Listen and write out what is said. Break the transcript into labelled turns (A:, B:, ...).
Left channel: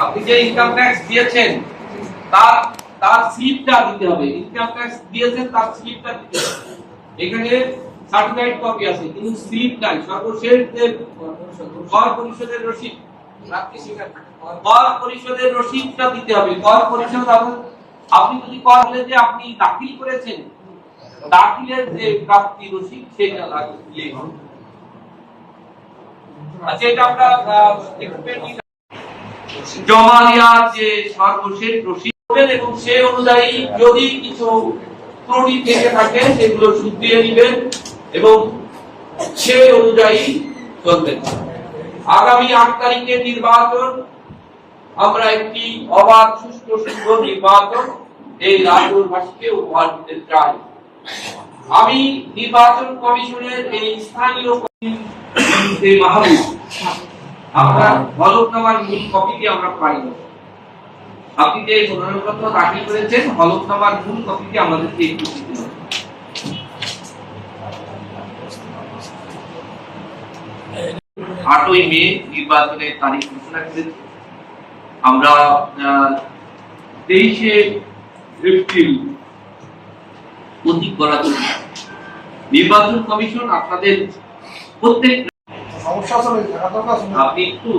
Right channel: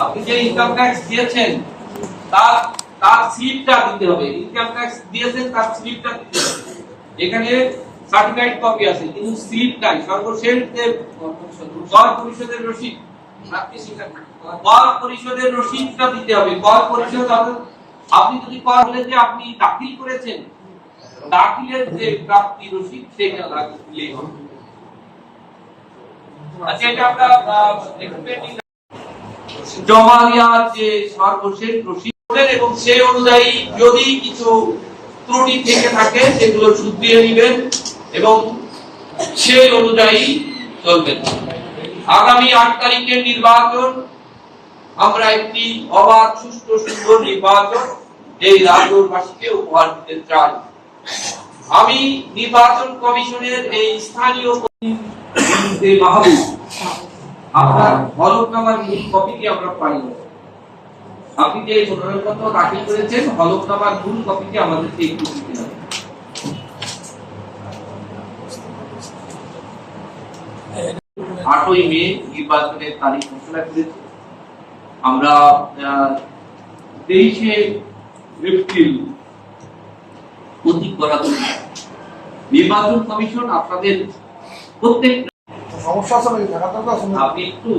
A: আপনি যে income tax দিয়েছেন তার তার স্লিপটা দিতে হবে। ইনকাম ট্যাক্স দিয়েছেন, তার স্লিপটা দিতে হবে। এখানে সার্টিফাইড কপি আছে। কিন্তু স্লিপ নাই। সর্বশেষ যে কর পরিষদের রসিদ কর পরিষদের রসিদটা দিতে হবে। কর আপনি যদি কর হলে যে আপনি দাখিল করেছেন, দাখিলের যে প্রাপ্তি রসিদ, সেটা লাগলে আচ্ছা জমা দেওয়ার যে সর্বশেষ রসিদ এবং সে অনুযায়ী যদি কিছু ত্রুটি থেকে থাকে, সেগুলো শুধরিয়ে নেবেন এবং সে অনুযায়ী চলবেন আগামী আট তারিখের নির্বাচন, আমরা একটি অবাধ, সুষ্ঠু, সুন্দর নির্বাচন এই রাজ্যবাসীকে উপহার দিতে চাই আমি নির্বাচন কমিশনের এই স্থানীয় আপনার হলফনামার মূল কপিটি আমরা পাই। আপনি যে মনোনয়নপত্র দাখিল করেছেন হলফনামার মূল কপিটি আমাদেরকে একটু। আটই মে নির্বাচনের তারিখ ঘোষণা করেছে আমরা তেইশে এপ্রিল প্রতীক করা নির্বাচন কমিশন আপনাদের প্রত্যেক
B: সমস্যা?
A: আপনি একটু